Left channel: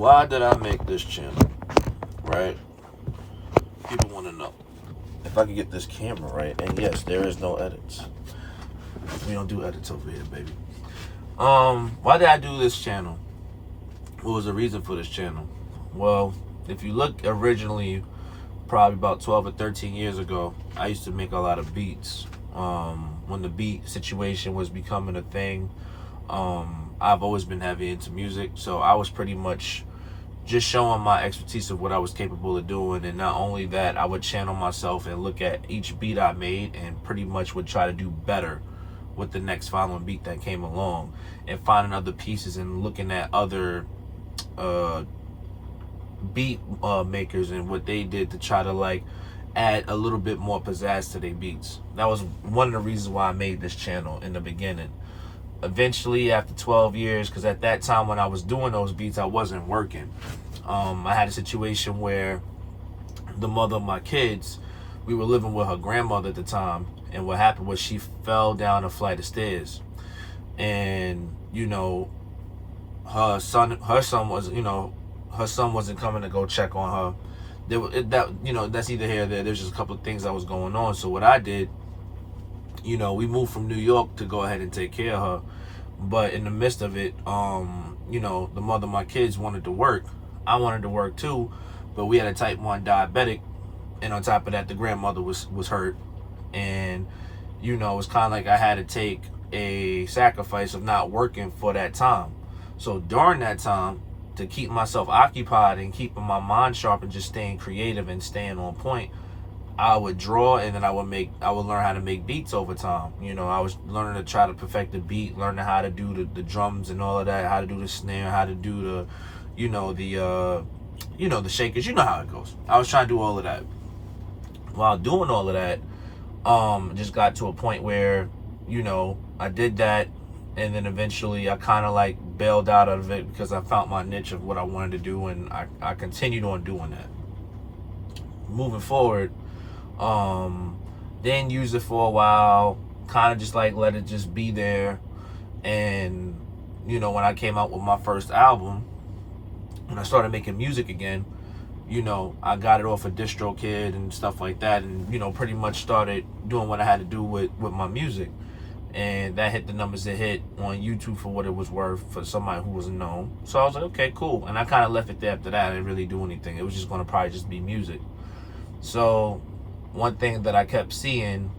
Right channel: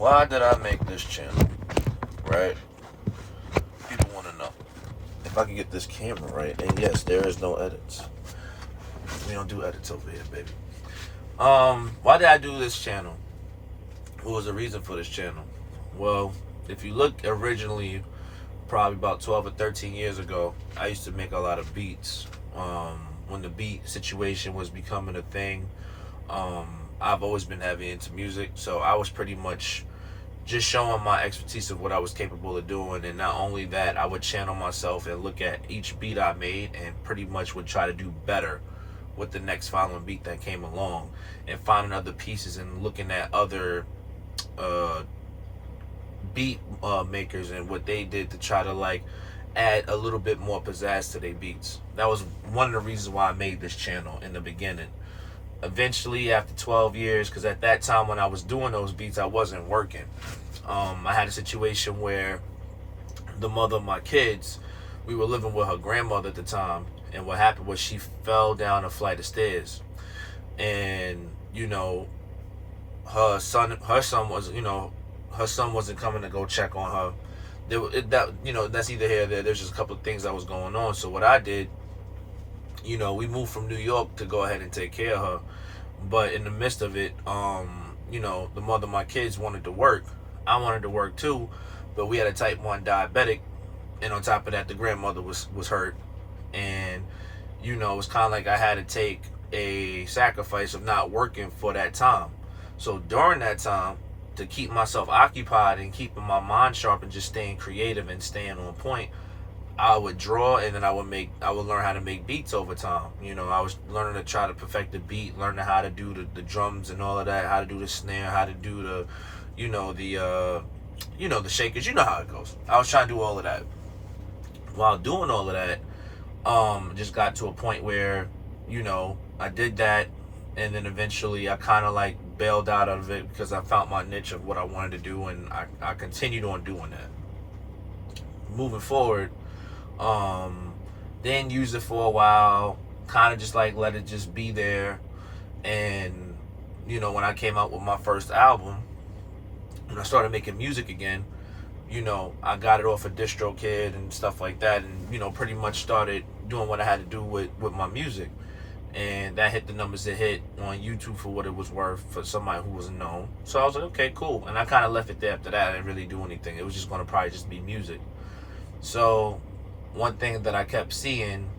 why did I make this channel? Right? People want to know if I can get this camera right. And yes, there is no edits. We don't do edits over here, baby. Why did I do this channel? What was the reason for this channel? Well, if you look originally, probably about 12 or 13 years ago, I used to make a lot of beats. When the beat situation was becoming a thing, I've always been heavy into music, so I was pretty much just showing my expertise of what I was capable of doing. And not only that, I would channel myself and look at each beat I made and pretty much would try to do better with the next following beat that came along, and finding other pieces and looking at other beat makers and what they did to try to like add a little bit more pizzazz to their beats. That was one of the reasons why I made this channel in the beginning. Eventually, after 12 years, because at that time when I was doing those beats, I wasn't working. I had a situation where the mother of my kids, we were living with her grandmother at the time, and what happened was she fell down a flight of stairs, and her son was, her son wasn't coming to go check on her. That's either here or there. There's just a couple of things that was going on. So what I did, we moved from New York to go ahead and take care of her. But in the midst of it, the mother of my kids wanted to work. I wanted to work too, but we had a type 1 diabetic, and on top of that, the grandmother was hurt. And, it's kind of like I had to take a sacrifice of not working for that time. So during that time, to keep myself occupied and keeping my mind sharp and just staying creative and staying on point, I would draw, and then I would learn how to make beats over time. I was learning to try to perfect the beat, learning how to do the drums and all of that, how to do the snare, how to do the shakers. You know how it goes. I was trying to do all of that. While doing all of that, just got to a point where, I did that, and then eventually I kind of like bailed out of it because I found my niche of what I wanted to do, and I continued on doing that. Moving forward, then used it for a while, kind of just like let it just be there. And when I came out with my first album and I started making music again, I got it off of DistroKid and stuff like that, and pretty much started doing what I had to do with my music. And that hit the numbers it hit on YouTube for what it was worth for somebody who wasn't known. So I was like, okay, cool. And I kind of left it there after that. I didn't really do anything. It was just going to probably just be music. So one thing that I kept seeing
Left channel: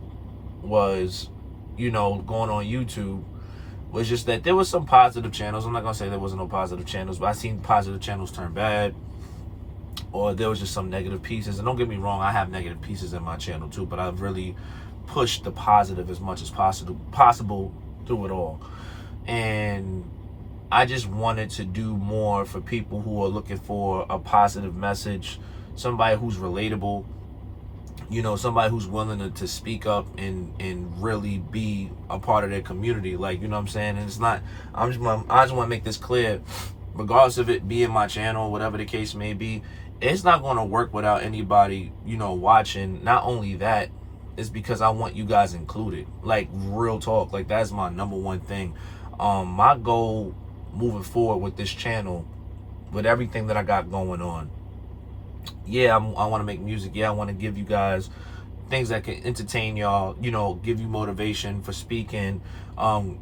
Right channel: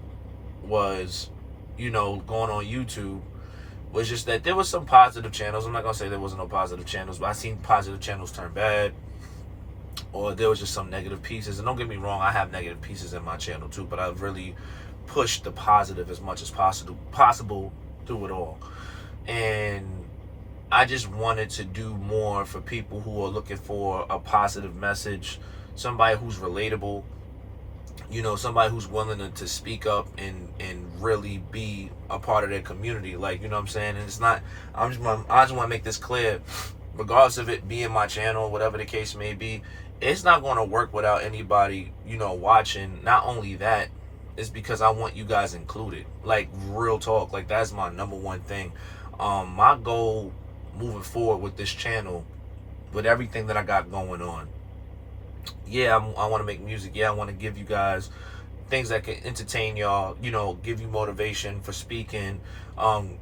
was, going on YouTube, was just that there was some positive channels. I'm not going to say there wasn't no positive channels, but I seen positive channels turn bad, or there was just some negative pieces. And don't get me wrong, I have negative pieces in my channel too, but I've really pushed the positive as much as possible through it all. And I just wanted to do more for people who are looking for a positive message, somebody who's relatable, somebody who's willing to speak up and really be a part of their community. Like, you know what I'm saying? And it's not, I just want to make this clear, regardless of it being my channel, whatever the case may be, it's not going to work without anybody, watching. Not only that, it's because I want you guys included. Like, real talk. Like, that's my number one thing. My goal moving forward with this channel, with everything that I got going on, I want to make music. I want to give you guys things that can entertain y'all, give you motivation for speaking.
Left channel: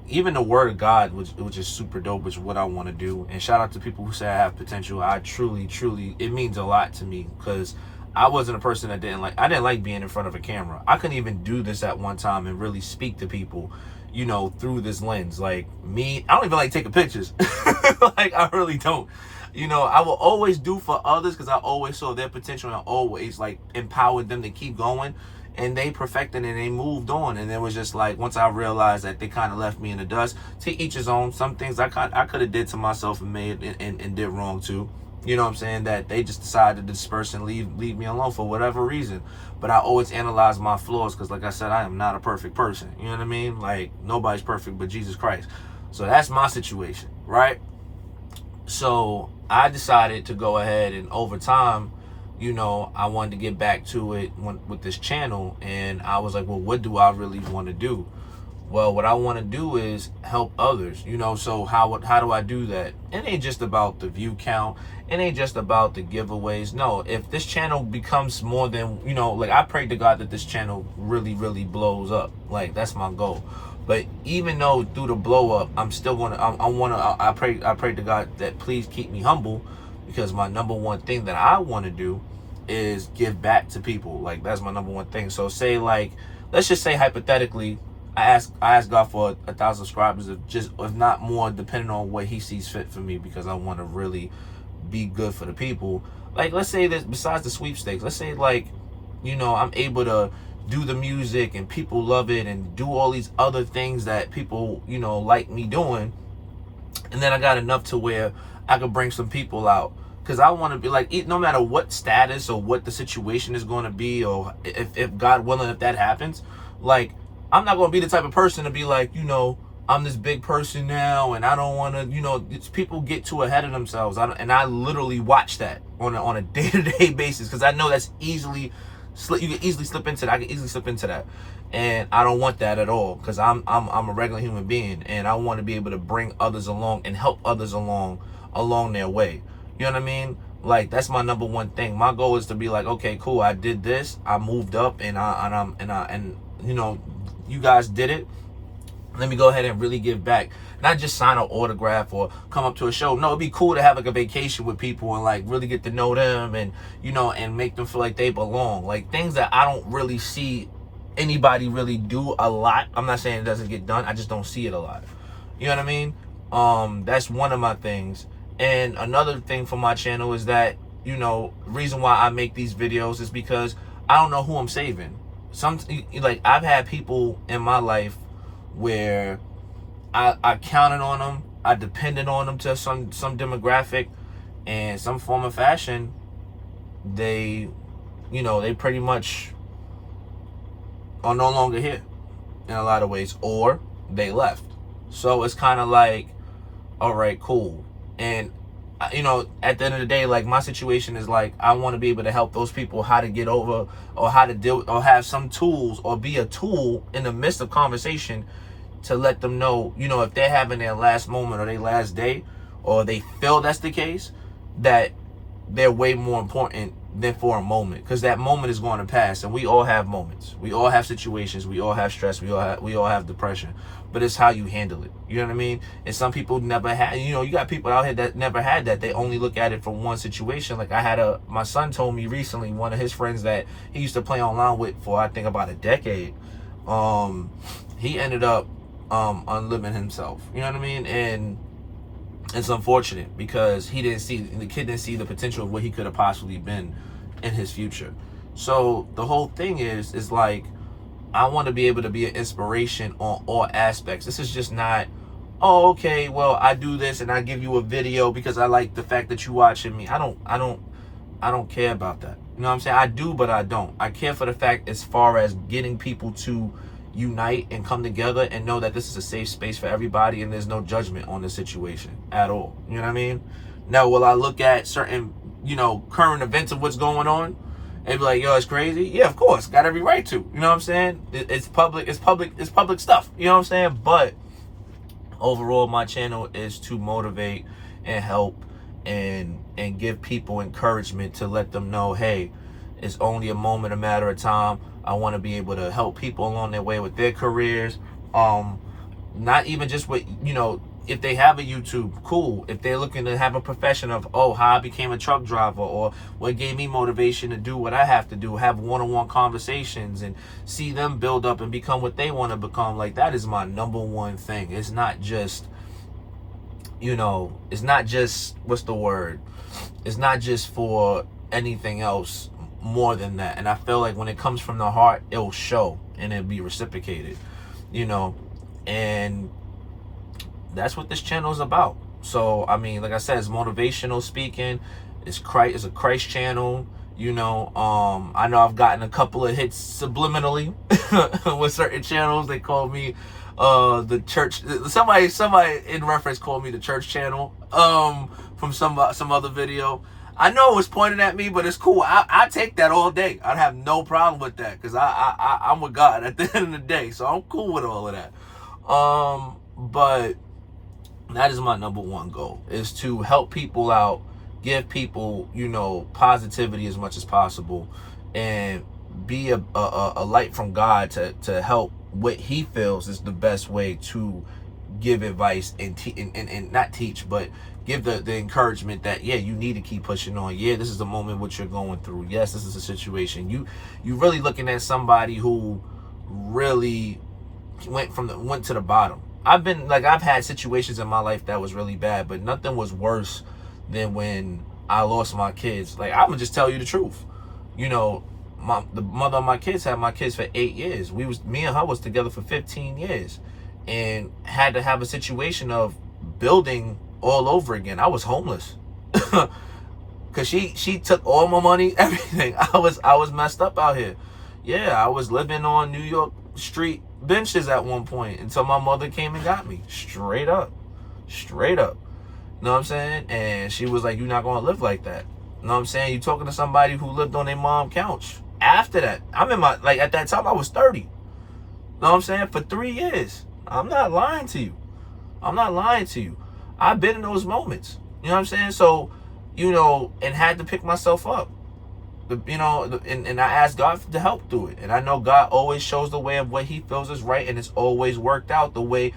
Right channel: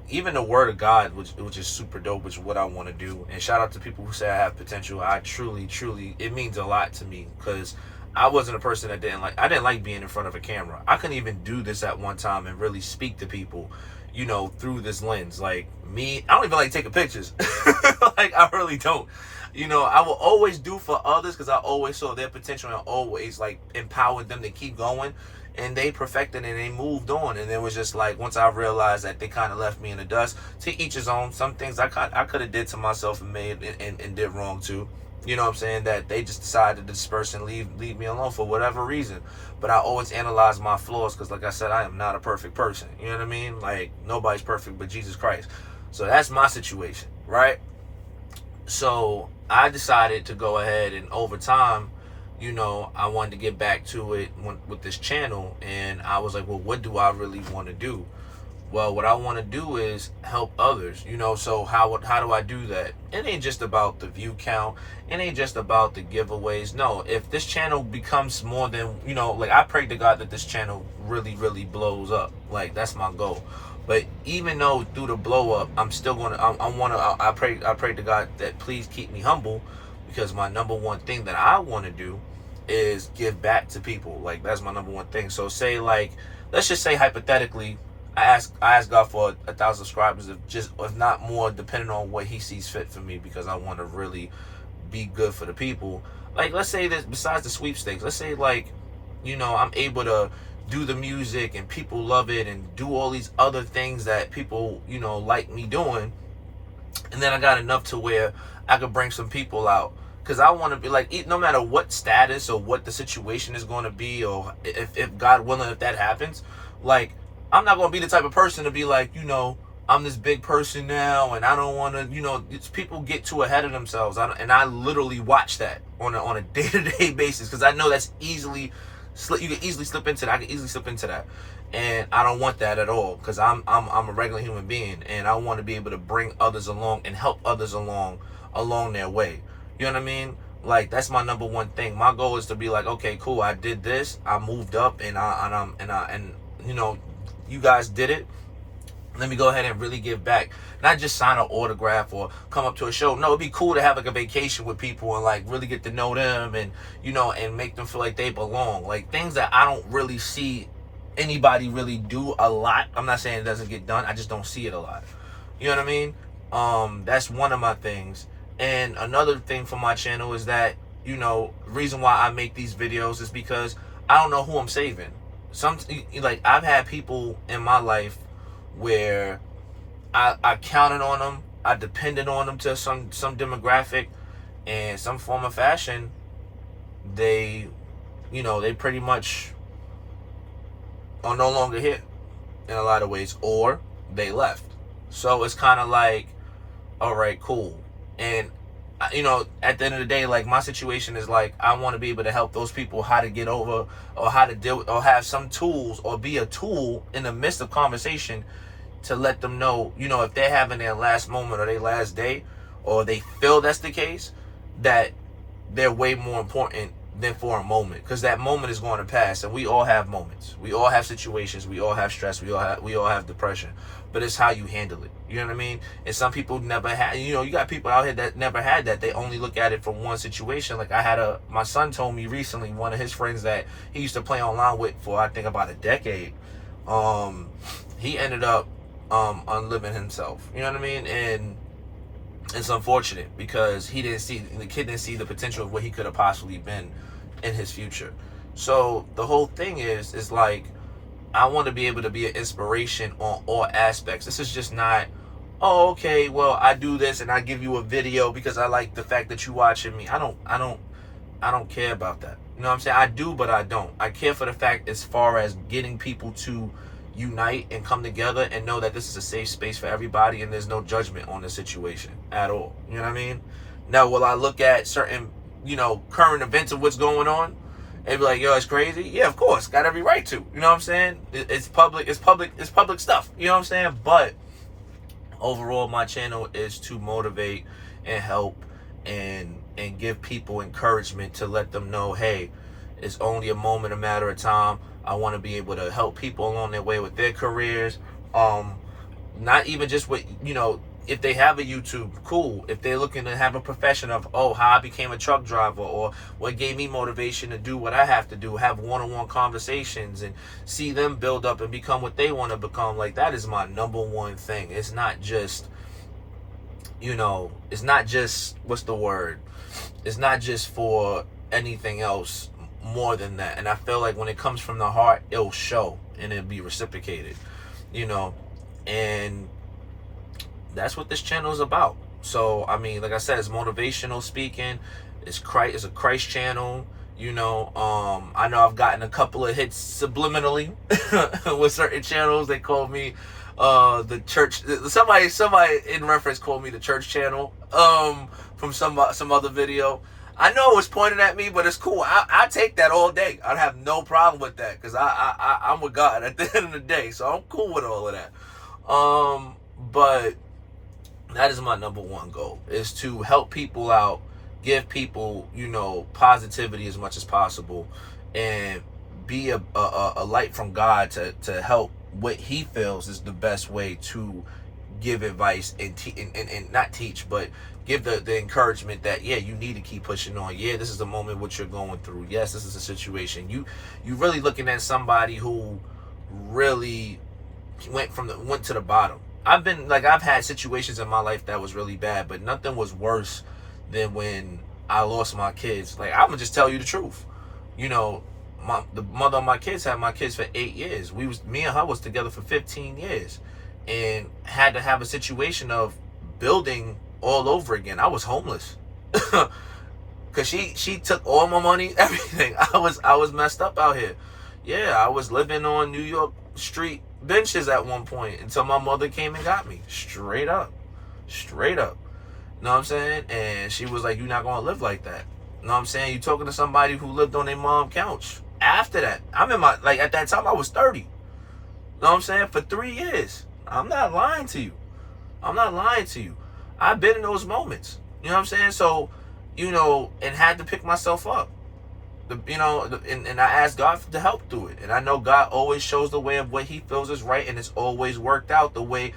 Even the word of God, which is super dope, which is what I want to do. And shout out to people who say I have potential. I truly, it means a lot to me, because I wasn't a person that I didn't like being in front of a camera. I couldn't even do this at one time and really speak to people, through this lens. Like me, I don't even like taking pictures. Like, I really don't. I will always do for others because I always saw their potential and always like empowered them to keep going. And they perfected and they moved on. And it was just like, once I realized that they kind of left me in the dust, to each his own. Some things I could have did to myself and made and did wrong too. You know what I'm saying? That they just decided to disperse and leave me alone for whatever reason. But I always analyze my flaws because, like I said, I am not a perfect person. You know what I mean? Like, nobody's perfect but Jesus Christ. So that's my situation, right? So I decided to go ahead, and over time, I wanted to get back to it with this channel. And I was like, well, what do I really want to do? Well, what I want to do is help others, so how do I do that? It ain't just about the view count. It ain't just about the giveaways. No, if this channel becomes more than, like, I pray to God that this channel really, really blows up. Like, that's my goal. But even though through the blow up, I'm still going to, I pray to God that please keep me humble, because my number one thing that I want to do is give back to people. Like, that's my number one thing. So say, like, let's just say hypothetically, I ask God for 1,000 subscribers, if not more, depending on what He sees fit for me, because I want to really be good for the people. Like, let's say that besides the sweepstakes, let's say, like, I'm able to do the music and people love it, and do all these other things that people like me doing, and then I got enough to where I could bring some people out. Because I want to be like, no matter what status or what the situation is going to be, or if God willing, if that happens, like, I'm not going to be the type of person to be like, I'm this big person now, and I don't want to, people get too ahead of themselves. And I literally watch that on a day-to-day basis, because I know that's you can easily slip into that. I can easily slip into that. And I don't want that at all, because I'm a regular human being, and I want to be able to bring others along and help others along their way. You know what I mean? Like, that's my number one thing. My goal is to be like, okay, cool, I did this, I moved up, and you guys did it. Let me go ahead and really give back. Not just sign an autograph or come up to a show. No, it'd be cool to have like a vacation with people and like really get to know them, and and make them feel like they belong. Like, things that I don't really see anybody really do a lot. I'm not saying it doesn't get done. I just don't see it a lot. You know what I mean? That's one of my things. And another thing for my channel is that, reason why I make these videos is because I don't know who I'm saving. Like, I've had people in my life where I counted on them, I depended on them to some demographic and some form of fashion. They pretty much are no longer here in a lot of ways, or they left. So it's kind of like, all right, cool. And at the end of the day, like, my situation is like, I want to be able to help those people how to get over, or how to deal, or have some tools, or be a tool in the midst of conversation to let them know, if they're having their last moment or their last day, or they feel that's the case, that they're way more important than for a moment, because that moment is going to pass, and we all have moments, we all have situations, we all have stress, we all have depression, but it's how you handle it. You know what I mean? And some people never had, you got people out here that never had that. They only look at it from one situation. Like, my son told me recently, one of his friends that he used to play online with for, I think, about a decade, he ended up unliving himself. You know what I mean? And it's unfortunate, because the kid didn't see the potential of what he could have possibly been in his future. So the whole thing is like, I want to be able to be an inspiration on all aspects. This is just not, oh, okay, well, I do this and I give you a video because I like the fact that you watching me. I don't care about that. You know what I'm saying? I do, but I don't. I care for the fact as far as getting people to unite and come together and know that this is a safe space for everybody, and there's no judgment on the situation at all. You know what I mean? Now, will I look at certain, current events of what's going on and be like, yo, it's crazy? Yeah, of course. Got every right to. You know what I'm saying? It's public stuff. You know what I'm saying? But overall, my channel is to motivate and help and give people encouragement, to let them know, hey, it's only a moment, a matter of time. I want to be able to help people along their way with their careers. Not even just with, if they have a YouTube, cool. If they're looking to have a profession of, how I became a truck driver, or what gave me motivation to do what I have to do, have one-on-one conversations and see them build up and become what they want to become. Like, that is my number one thing. It's not just, it's not just, what's the word? It's not just for anything else more than that. And I feel like when it comes from the heart, it'll show and it'll be reciprocated, and that's what this channel is about. So, I mean, like I said, it's motivational speaking. It's a Christ channel. I know I've gotten a couple of hits subliminally with certain channels. They call me the church. Somebody in reference called me the church channel from some other video. I know it was pointed at me, but it's cool. I take that all day. I'd have no problem with that, because I'm with God at the end of the day. So I'm cool with all of that. But that is my number one goal, is to help people out, give people, positivity as much as possible, and be a light from God to help what he feels is the best way to give advice and not teach, but give the encouragement that, yeah, you need to keep pushing on. Yeah, this is the moment what you're going through. Yes, this is a situation. You really looking at somebody who really went to the bottom. I've had situations in my life that was really bad, but nothing was worse than when I lost my kids. Like, I'm gonna just tell you the truth. The mother of my kids had my kids for 8 years. Me and her was together for 15 years, and had to have a situation of building all over again. I was homeless. Cause she took all my money, everything. I was messed up out here. Yeah, I was living on New York street benches at one point until my mother came and got me. Straight up. Straight up. You know what I'm saying? And she was like, "You're not gonna live like that." You know what I'm saying? You talking to somebody who lived on their mom's couch. After that, at that time I was 30. You know what I'm saying? For 3 years. I'm not lying to you. I'm not lying to you. I've been in those moments. You know what I'm saying? So, and had to pick myself up. And I asked God to help through it. And I know God always shows the way of what he feels is right, and it's always worked out the way